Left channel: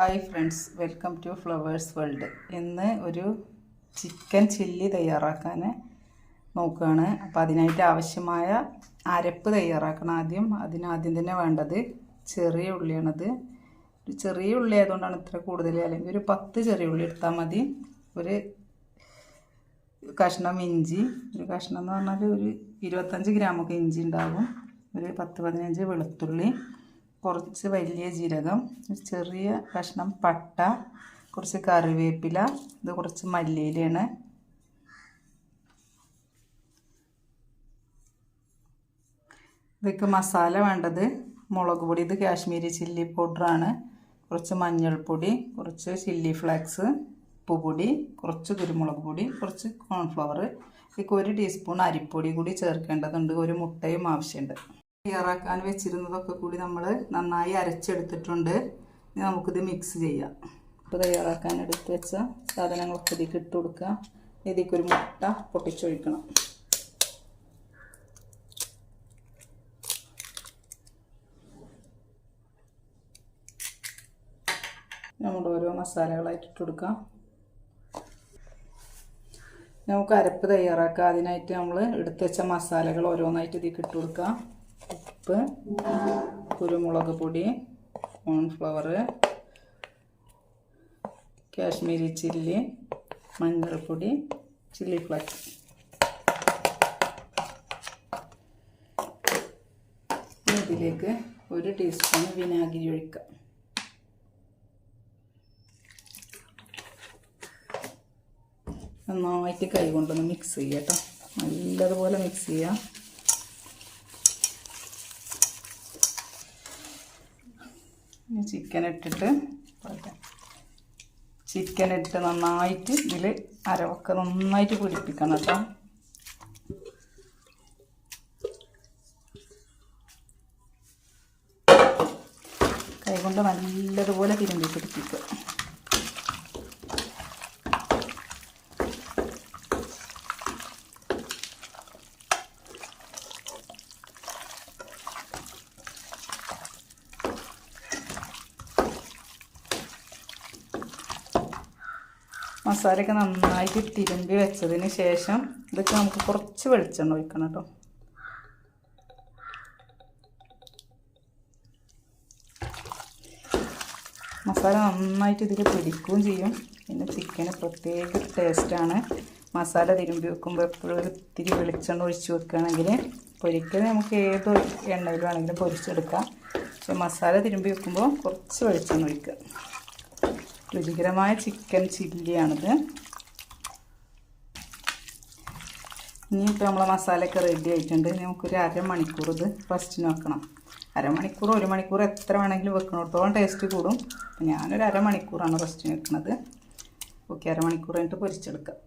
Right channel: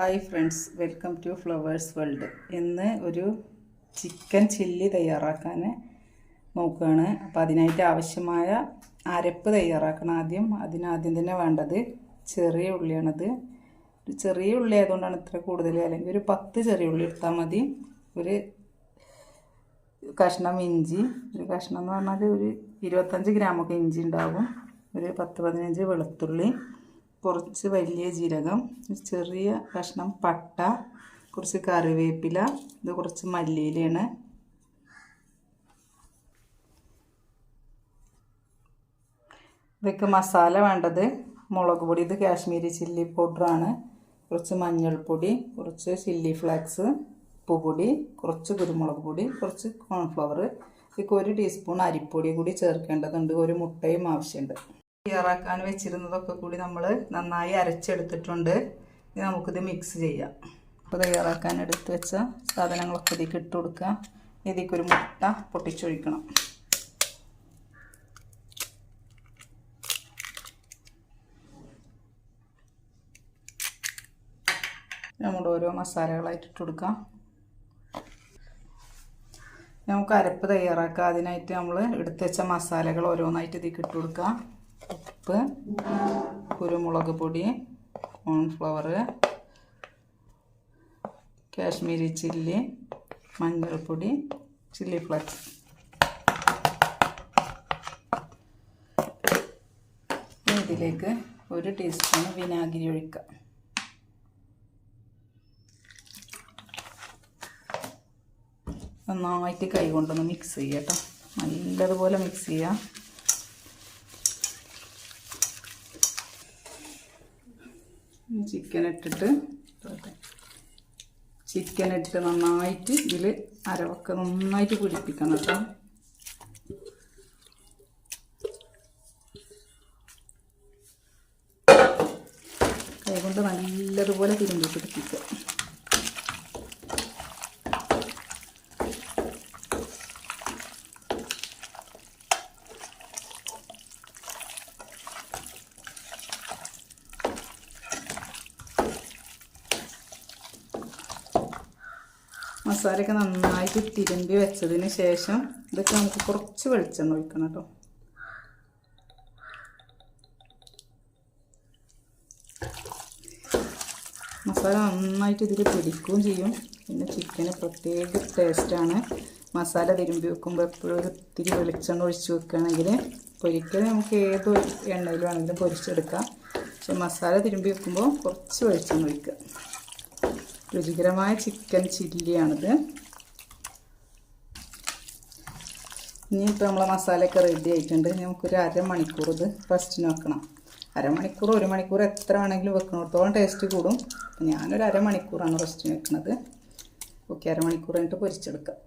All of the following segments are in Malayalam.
Hi friends, welcome to Flowers World. ഇന്ന് ഒരു ചിക്കൻ ചില്ലി തയ്യാറാക്കാൻ നോക്കുകയാണ്. അപ്പോൾ അതിനായിട്ട് ആവശ്യമായ അരപ്പ് തയ്യാറാക്കണം. ആദ്യം തന്നെ വേണ്ടത് ചെറിയ ഉള്ളിയാണത്. ഒരു ചെറിയ ഉള്ളി ആയതുകൊണ്ടാണ് ഇത്ര കൂടുതൽ, അല്ലെങ്കിൽ ഒരു 10 ചെറിയ ഉള്ളി എടുത്താൽ മതി. ഒരു കഷ്ണം ഇഞ്ചി, ഒരു കഷ്ണം എന്ന് പറഞ്ഞാൽ ഒരു 25 ഗ്രാമൊക്കെ ഇഞ്ചി ഉണ്ടാകും. ഒരു 10-15 വെളുത്തുള്ളി, കുറച്ച് വലിയ ജീരകം, ചെറിയ കഷ്ണം പട്ട, കുറച്ച് കറിവേപ്പില, ഇത് കുറച്ച് മല്ലിയിലയാണ്. ഇതൊക്കെ മസാല വേണ്ടത്. മുളക് പൊടി, ഇത് കാശ്മീരി ചില്ലി പൗഡറാണ്. കുറച്ച് മഞ്ഞൾപ്പൊടി, കുറച്ച് ചില്ലി ഫ്ലേക്സ്, ഉപ്പുപൊടി, കുറച്ച് കുരുമുളക് പൊടി, കുറച്ച് കോൺഫ്ലവർ, ഇതൊക്കെ 1 ടീസ്പൂൺ അരിപ്പൊടി കൂടി ചേർക്കേണ്ടതുണ്ട്. ഒരു മുട്ടയും ആവശ്യമുണ്ട്. തയ്യാറാക്കാൻ വെച്ചിരുന്നതൊക്കെ കൂടി നമ്മൾ നന്നായി അരച്ചെടുത്തിട്ടുണ്ട്. ഇനി നമുക്കിത് മിക്സ് ചെയ്യാം. അപ്പോൾ തയ്യാറാക്കാൻ എടുത്ത് വെച്ച സാധനങ്ങളൊക്കെ ഇതിലേക്ക് ഇട്ട് കൊടുക്കുക. ഇതിലേക്കൊരു മുട്ട പൊട്ടിച്ചൊഴിക്കണം. നമ്മുടെ ഓരോ മസാലകളായിട്ട് ഇട്ട് കൊടുക്കാം. നമുക്ക് അരപ്പ് തയ്യാറാക്കാം. അതിനായിട്ട് നമ്മൾ എടുത്ത് വെച്ച മസാലകൾ ഓരോന്നായിട്ട് ഇതിലേക്ക് ഇട്ട് കൊടുക്കാം. ഉപ്പ്, കുരുമുളക് പൊടി, കോൺഫ്ലവർ, കാശ്മീരി ചില്ലി, മഞ്ഞൾപ്പൊടി, ചില്ലി ഫ്ലേക്സ്. ഇതിലേക്ക് 1 ടീസ്പൂൺ വിനാഗിരി ഒഴിക്കുക. നന്നായിട്ട് കൈ കൊണ്ടൊന്ന് മിക്സ് ചെയ്യുക കേട്ടോ. നല്ലതുപോലെ മിക്സ് ചെയ്യാം. ചിക്കൻ ഇട്ടിട്ട് നന്നായിട്ട് ഇതിൽ അരവൊക്കെ നന്നായിട്ട് പിടിപ്പിക്കണം കേട്ടോ. കൈ കൊണ്ട് നല്ലതുപോലെ തിരുമ്പി പിടിപ്പിക്കുക. മസാലയൊക്കെ നന്നായിട്ട് തിരുമ്പി വെച്ചതിന് ശേഷം ഇതൊക്കെ നമുക്ക് കുറച്ച് വെളിച്ചെണ്ണ ഒഴിക്കണം കേട്ടോ. മസാല നന്നായിട്ട് ഇതിൽ പിടിക്കുകയും ചെയ്യും. പിന്നെ ചിക്കന് പ്രത്യേക ടേസ്റ്റാണ്. മസാല തിരുമ്പി വെക്കുമ്പോൾ എപ്പോഴും ഒരു ഇത്തിരി വെളിച്ചെണ്ണ ഒഴിച്ച് വെക്കുകയാണെങ്കിൽ പൊരിക്കൽ നമുക്ക് ഏത് എണ്ണയിൽ വേണമെങ്കിലും പൊരിച്ചെടുക്കാം. പക്ഷെ മസാല തിരുമ്പി വെക്കുമ്പോൾ കുറച്ച് വെളിച്ചെണ്ണ ഒഴിക്കുക. രുചികരമായ ചിക്കൻ ചില്ലിയാണിത്. ഇനിയിപ്പോൾ നമ്മളെ മസാലയൊക്കെ റെഡി ആയിട്ടുണ്ട്. നമുക്കൊരു അരമണിക്കൂർ ഇത് റെസ്റ്റിന് വെക്കണം. അരമണിക്കൂർ 1 മണിക്കൂർ എത്ര വേണമെങ്കിലും വെക്കണത്തോളം ടേസ്റ്റ് കൂടും. ഞാനൊരു അരമണിക്കൂറാണ് റെസ്റ്റിന് വെക്കുന്നത്. ഓക്കെ, അരമണിക്കൂർ കഴിഞ്ഞിട്ട് പൊരിച്ചെടുക്കാം.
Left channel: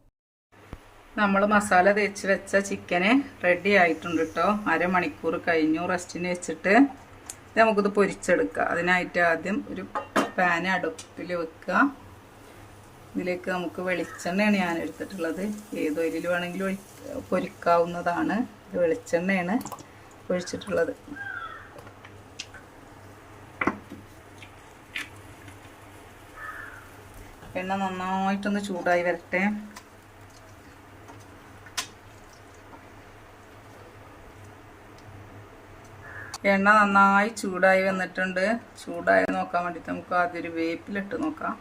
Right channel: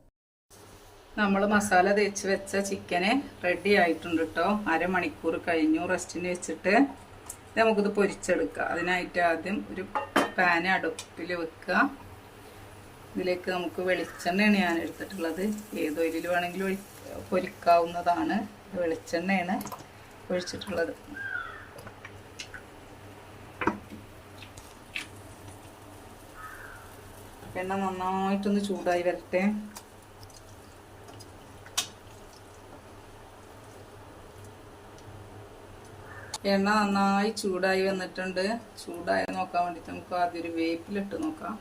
നമ്മൾ മസാല തേച്ച് വെച്ച ചിക്കന് റെഡി ആയിട്ടുണ്ട് കേട്ടോ. അരമണിക്കൂർ കഴിഞ്ഞു റെസ്റ്റിന് വെച്ചിട്ട്. നമുക്കിത് പൊരിച്ചെടുക്കാം. അതിനായിട്ട് ആദ്യം ഒരു പാൻ അടുപ്പിൽ വെക്കുക. ഇതിലേക്ക് നമുക്ക് വെളിച്ചെണ്ണയാണ് ഞാൻ എടുത്തിട്ടുള്ളത്. ഏത് ഓയിലിൽ വേണമെങ്കിലും പൊരിക്കാവുന്നതാണ്. വെളിച്ചെണ്ണയാണ് ഒഴിച്ചിട്ടുള്ളത്. എണ്ണ നന്നായിട്ടൊന്ന് ചൂടായി വരട്ടെ. എണ്ണ നന്നായി ചൂടായി വന്നിട്ടുണ്ട്. ചൂടായി നോക്കാൻ വേണ്ടിയിട്ട് നമുക്ക് ആദ്യം ഒരു വേപ്പിലിട്ട് നോക്കാം.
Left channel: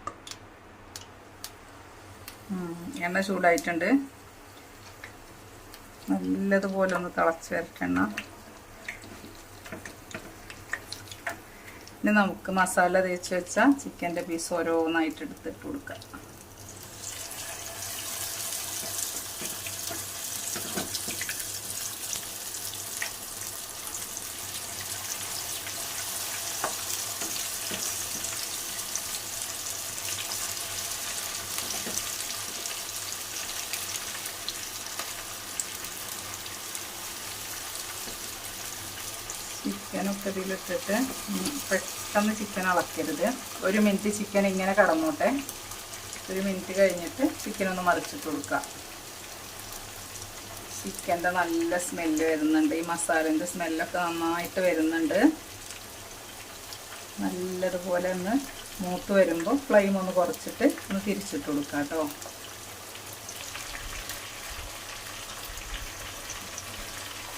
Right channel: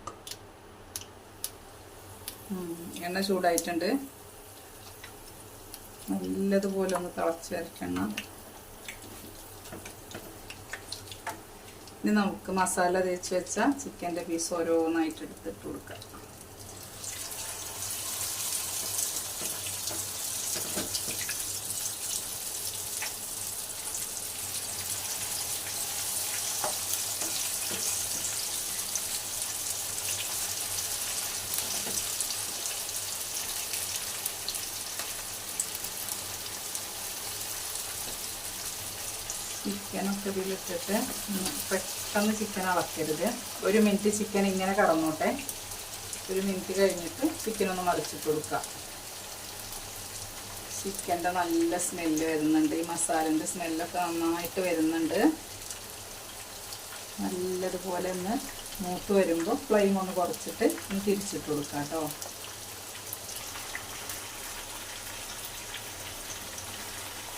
എണ്ണ ചൂടായിട്ടുണ്ട്. നല്ലതുപോലെ ഒന്ന് തിളച്ച് വരട്ടെ എണ്ണ. ഇനി നമുക്ക് മസാല തേച്ച് വെച്ച ചിക്കൻ്റെ പീസ് ഓരോന്നായിട്ട് എടുത്തിട്ട് കൊടുക്കാം. ചിക്കനൊക്കെ ഇതിലിട്ടിട്ട് പെട്ടെന്ന് ചിക്കൻ ഇളക്കരുത്. 1 മിനിറ്റ് ചിക്കൻ ഇങ്ങനെ കടന്നോട്ടെ. 1 മിനിറ്റ് കഴിഞ്ഞിട്ട് ചിക്കനൊന്ന് മറിച്ചിട്ട് കൊടുക്കുക. ചിക്കൻ്റെ നല്ല സ്മെല്ല് വരുന്നുണ്ട്. ഈ മസാലൻ്റെ സ്മെല്ലൊക്കെ നന്നായിട്ട് വരുന്നുണ്ട്. നല്ലതുപോലെ ഒന്ന് മൂത്ത് വരുമ്പോൾ ഫ്ലെയിം ഒന്ന് കുറച്ചിട്ട് ഒന്ന് തിരിച്ചിട്ട് കൊടുക്കാം കേട്ടോ.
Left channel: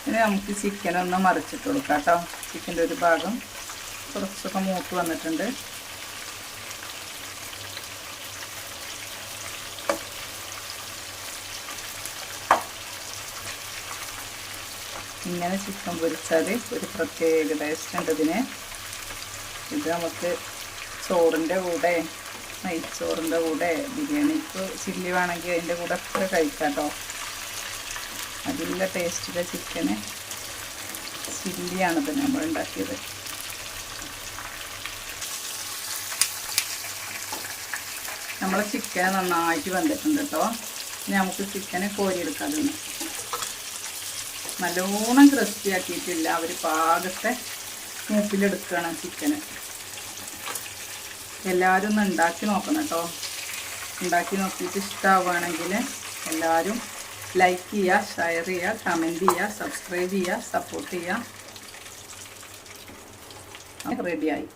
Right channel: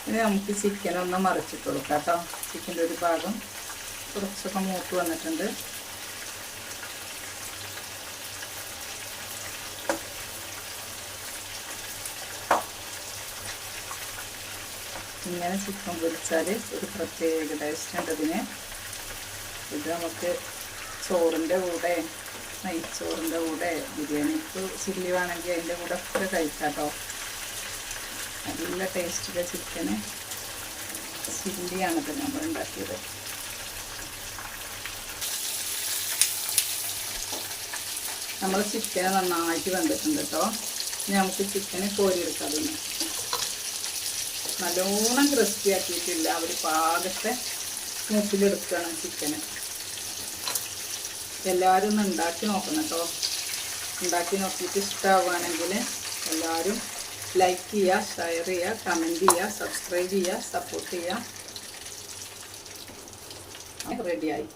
ഇനി നമുക്ക് ചിക്കൻ ഒന്ന് മറിച്ചിട്ട് കൊടുക്കാം കേട്ടോ. ചിക്കൻ്റെ ഒരു ഭാഗം കുറച്ചൊക്കെ മൂത്ത് വന്നിട്ടുണ്ട്. ഇങ്ങനെ ചിക്കൻ പൊരിച്ചാൽ ഒരു പ്രത്യേക ടേസ്റ്റ് ഉണ്ട് ഇതിന്. ഇത് നമുക്ക് ചോറിൻ്റെ കൂടെ, നെയ്ച്ചോറിൻ്റെ കൂടെ, ബിരിയാണിക്ക് ചില്ലി വേണമെങ്കിൽ അതിൻ്റെ കൂടെ ഒക്കെ കഴിക്കാം കേട്ടോ. നല്ല ടേസ്റ്റിലെ ചിക്കന് ചില്ലിയാണിത് നമ്മൾ ഉണ്ടാക്കിയത്. നമ്മളെ ചിക്കൻ നന്നായിട്ട് വന്നിട്ടുണ്ട് കേട്ടോ. ഇനി നമുക്ക് ചിക്കനെ കോരിയെടുക്കാം. അതിന് നല്ലോണം ക്രിസ്പി ആക്കിയിട്ടില്ല, അവർ പാകത്തെ മൂപ്പിലെടുക്കുകയാണ് ചിക്കന്. എല്ലാവരും ഒന്ന് ഉണ്ടാക്കി നോക്കണം കേട്ടോ. ഉണ്ടാക്കി നോക്കിയിട്ട് ഇഷ്ടമാവുകയാണെങ്കിൽ എല്ലാവരും ലൈക്ക് ചെയ്യുക, ഷെയർ ചെയ്യുക, കമൻറ്റ് ചെയ്യുക, സബ്സ്ക്രൈബ് ചെയ്യുക, സപ്പോർട്ട് ചെയ്യുക. റെഡിയായി.